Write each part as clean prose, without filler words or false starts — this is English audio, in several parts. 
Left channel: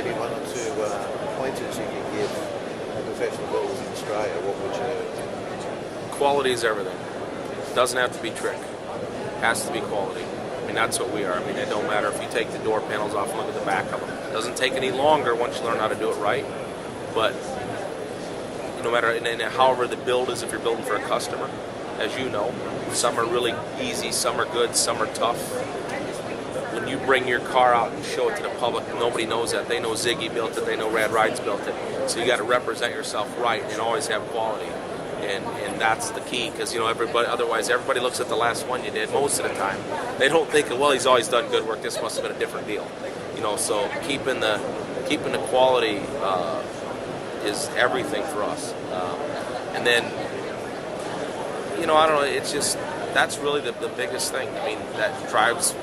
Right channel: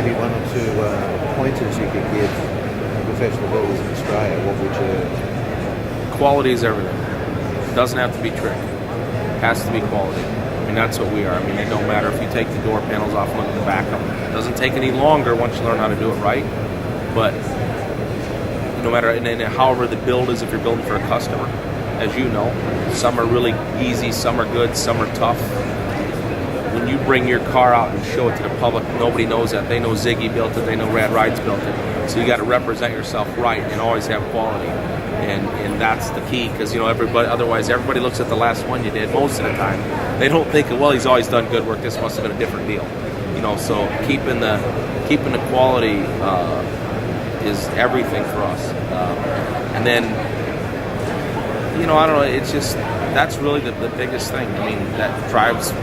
maybe one or two pointers you could give the professional builders in Australia, what would you... Quality is everything. It doesn't have to be trick. It has to be quality. I mean, that's what we are. I mean, it don't matter if you take the door panels off and look at the back of them. It doesn't take any longer once you learn how to do it right. But no matter, and however the build is, if you're building for a customer, as you know, some are really easy, some are good, some are tough. When you bring your car out and show it to the public, nobody knows that. They know Ziggy built it, they know Rad Rides built it. So you got to represent yourself right and always have quality. And that's the key, because otherwise everybody looks at the last one you did most of the time. They don't think, well, he's always done good work, this must have been a different deal. So keeping the quality is everything for us. And then, I don't know, it's just, that's really the biggest thing. I mean, that drives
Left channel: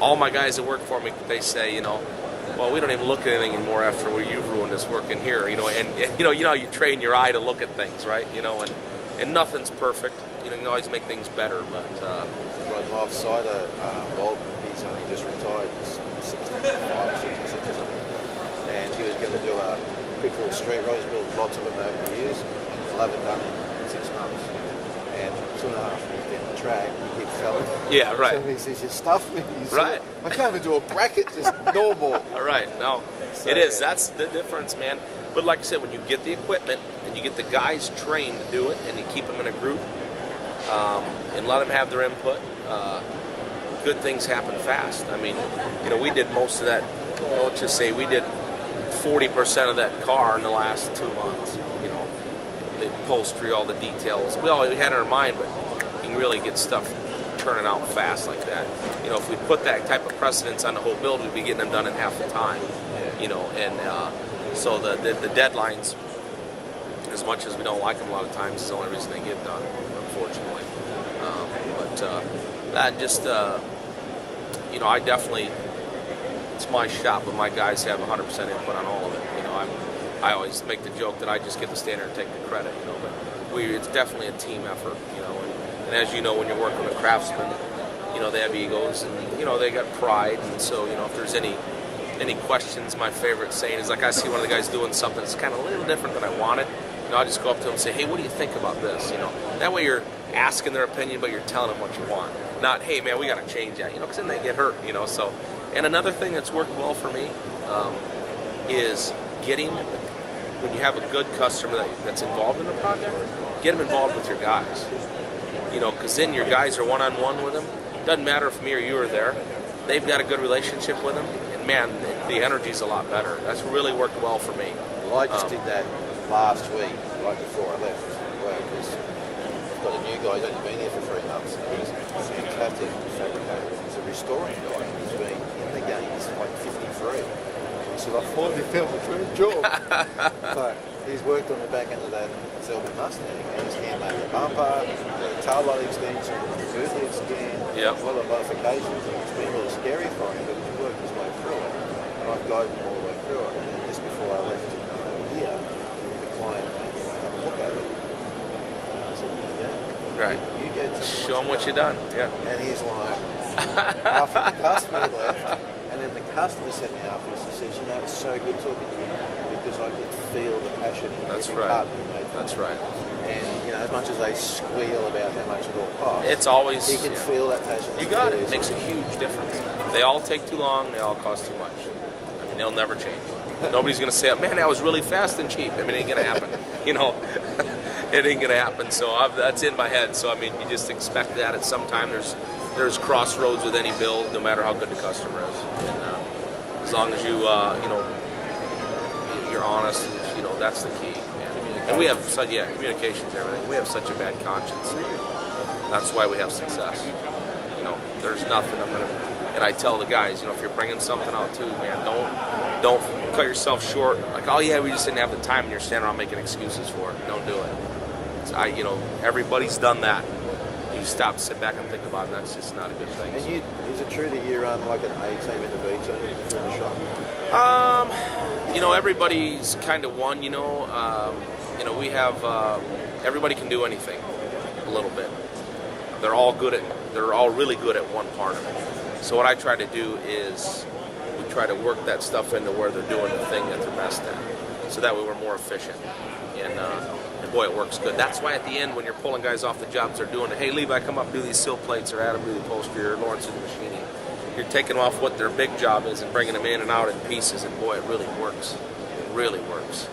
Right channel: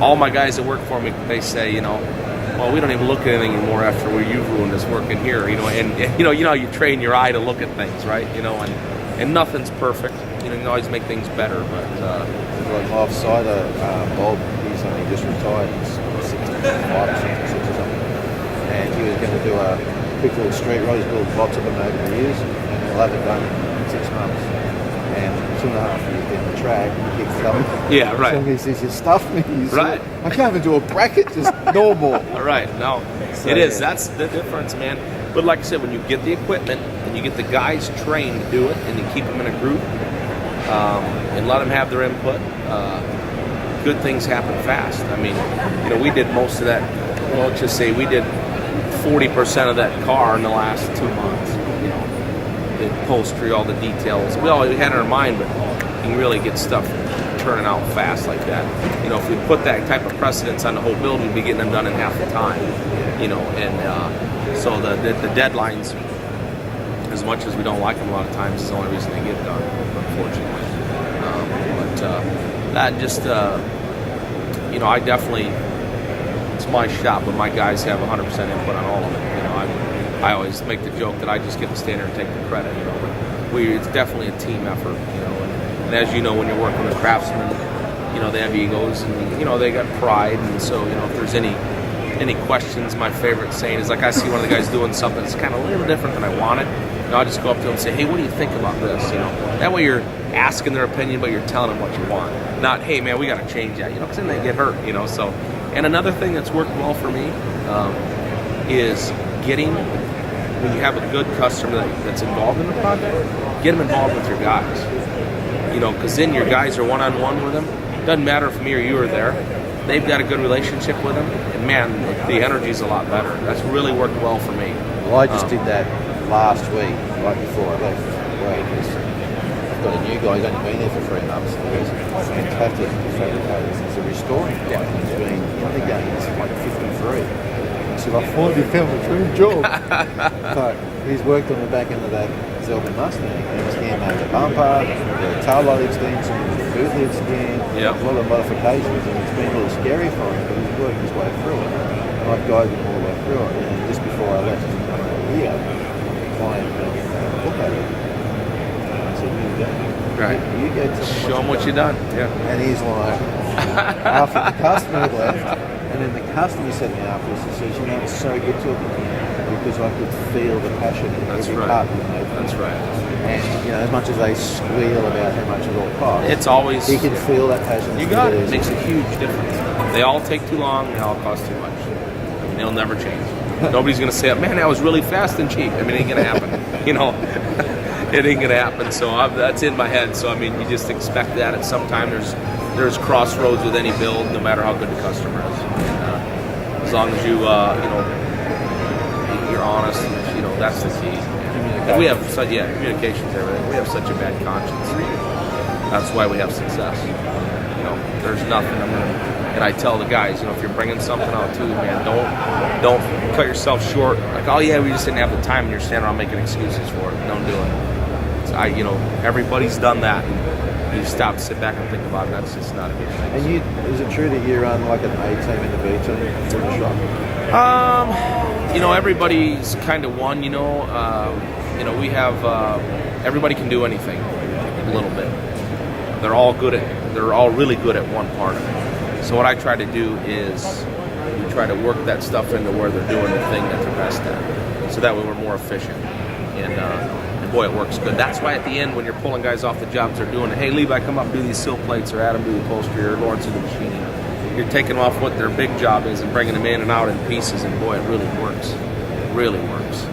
all my guys that work for me. They say, well, we don't even look at anything anymore after you've ruined this work in here, and you train your eye to look at things, right? And nothing's perfect. You can always make things better, but like my offsider, Bob, he's only just retired. He's 65 or 66 or something, and he was going to do a quick little street ride. He's built lots of them over the years, and he'll have it done in 6 months. And 2.5 years down the track, he keeps telling me, yeah, right. He says, you stuffed me. Right. I can't even do a bracket, just normal. Right, no. So, it is. Yeah. That's the difference, man. But like I said, when you get the equipment and you get the guys trained to do it and you keep them in a group and let them have their input, good things happen fast. I mean, we did most of that, let's just say we did 40% of that car in the last 2 months, the upholstery, all the details. We all had in our mind, but you can really get stuff turning out fast like that. If we put that type of precedence on the whole build, we'd be getting them done in half the time. So the deadlines, as much as we don't like them a lot of times, is the only reason they get done, unfortunately. That just, I definitely, it's my shop, but my guys have 100% input on all of it. I always make the joke that I just get to stand there and take the credit, but it's definitely a team effort, and as you know, when you're working with craftsmen, they have egos and, they got pride, and so, if there's any questions, my favorite saying is, like, I see one of the guys doing something that's kind of a little different than I wanted, I'll just go up to them and say, hey, what do you think about this, that way you're asking their opinion, but you're telling them what you want, not, hey, man, we got to change that, because then they get hurt, so, and another thing that's worked well for me is getting, when you have a good customer that's involved in the project, get them involved with your guys. Because then your guys are one-on-one with them. Doesn't matter if me or you are there. They've got a good relationship with them, and man, the energy's a lot better. That's really worked well for me. Well, I just did that last week, right before I left work, because I've got a new guy. He's only been there for 3 months. He's a fantastic fabricator, and he's a restoring guy, and he's been in the game. He's like 53. So I finally found a dream job. But he's worked on the back end of that Zelbin Mustang, and he's hand-made the bumper, the tail light extensions, the boot lid skin, a lot of modifications, and it's been a little scary for him, but he's worked his way through it, and I've guided him all the way through it. And just before I left to come over here, the client came in to have a look at it, and I said, here you go. Right. You go tell me show him what you've done. Yeah. And he's like, after the customer had left, and then the customer said to me afterwards, he says, it's so good talking to you, because I could feel the passion in every part you made. That's right. And, as much as they squeal about how much it all costs, it's always, he can feel that passion. You got it. It makes a huge difference. They all take too long. They all cost too much. I mean, they'll never change. Nobody's going to say, man, that was really fast and cheap. I mean, it ain't going to happen. It ain't going to happen. So that's in my head. So, I mean, you just expect that at some time. There's crossroads with any build, no matter how good the customer is. And as long as you, you're honest, and, that's the key. And we have communication's everything. We have such a bad conscience. That's why we have success. There's nothing and I tell the guys, if you're bringing something out too, man, don't cut yourself short. Like, oh yeah, we just didn't have the time, and you're standing around making excuses for it. Don't do it. So everybody's done that, and you stop to sit back and think about it, and that's just not a good thing. And is it true that you run like an A team and a B team for the shop? Everybody's kind of one. We have everybody can do anything a little bit. They're all really good at one part of it. So what I try to do is we try to work that stuff into where they're doing the thing that they're best at. So that way we're more efficient. And boy, it works good. That's why at the end, when you're pulling guys off the jobs they're doing, hey, Levi, come up and do these sill plates, or Adam, do the upholstery, or Lawrence, do the machining. You're taking off what their big job is and bringing them in and out in pieces, and boy, it really works. It really works.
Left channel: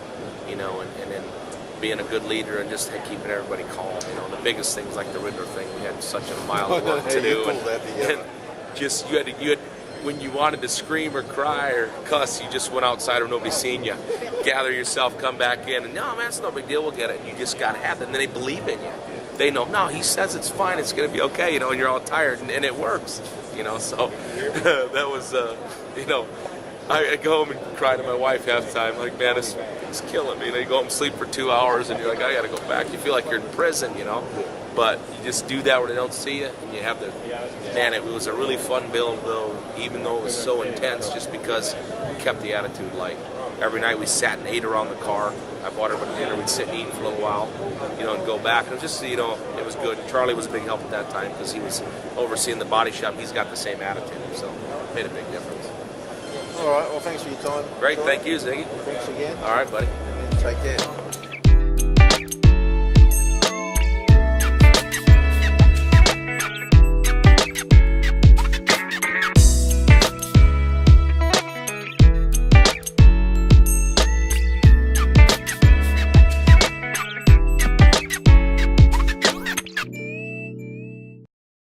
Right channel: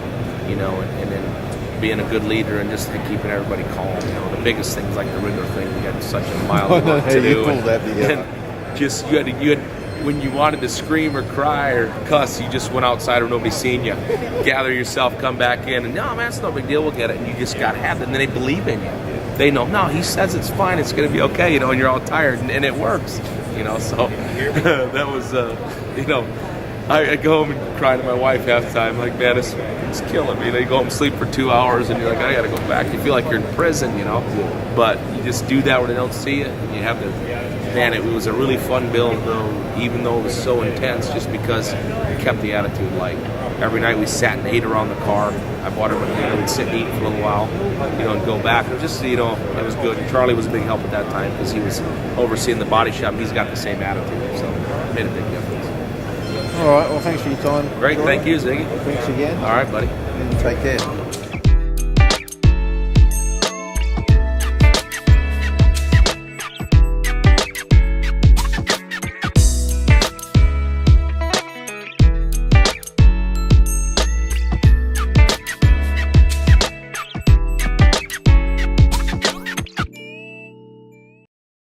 You know, and then being a good leader and just keeping everybody calm. You know, the biggest things like the Riddler thing, we had such a mile of work to do. Pulled that together. And just you had when you wanted to scream or cry or cuss, you just went outside or nobody's seen you. Gather yourself, come back in, and no, man, it's no big deal. We'll get it. And you just got to have it. And then they believe in you. Yeah. They know, no, he says it's fine. It's going to be okay. You know, and you're all tired, and it works. You know, so that was, you know, I go home and cry to my wife half the time. Like, man, it's killing me. You know, you go home and sleep for 2 hours, and you're like, I got to go back. You feel like you're in prison, you know. Yeah. But you just do that where they don't see you, and you have the. Man, it was a really fun build, though, even though it was so intense, just because we kept the attitude light. Every night we sat and ate around the car. I bought her dinner. We'd sit and eat for a little while, you know, and go back. And it was just, you know, it was good. And Charlie was a big help at that time because he was overseeing the body shop. And he's got the same attitude, so it made a big difference. All right, well, thanks for your time. Great, Troy. thank you, Ziggy. Thanks again. All right, buddy. And take care.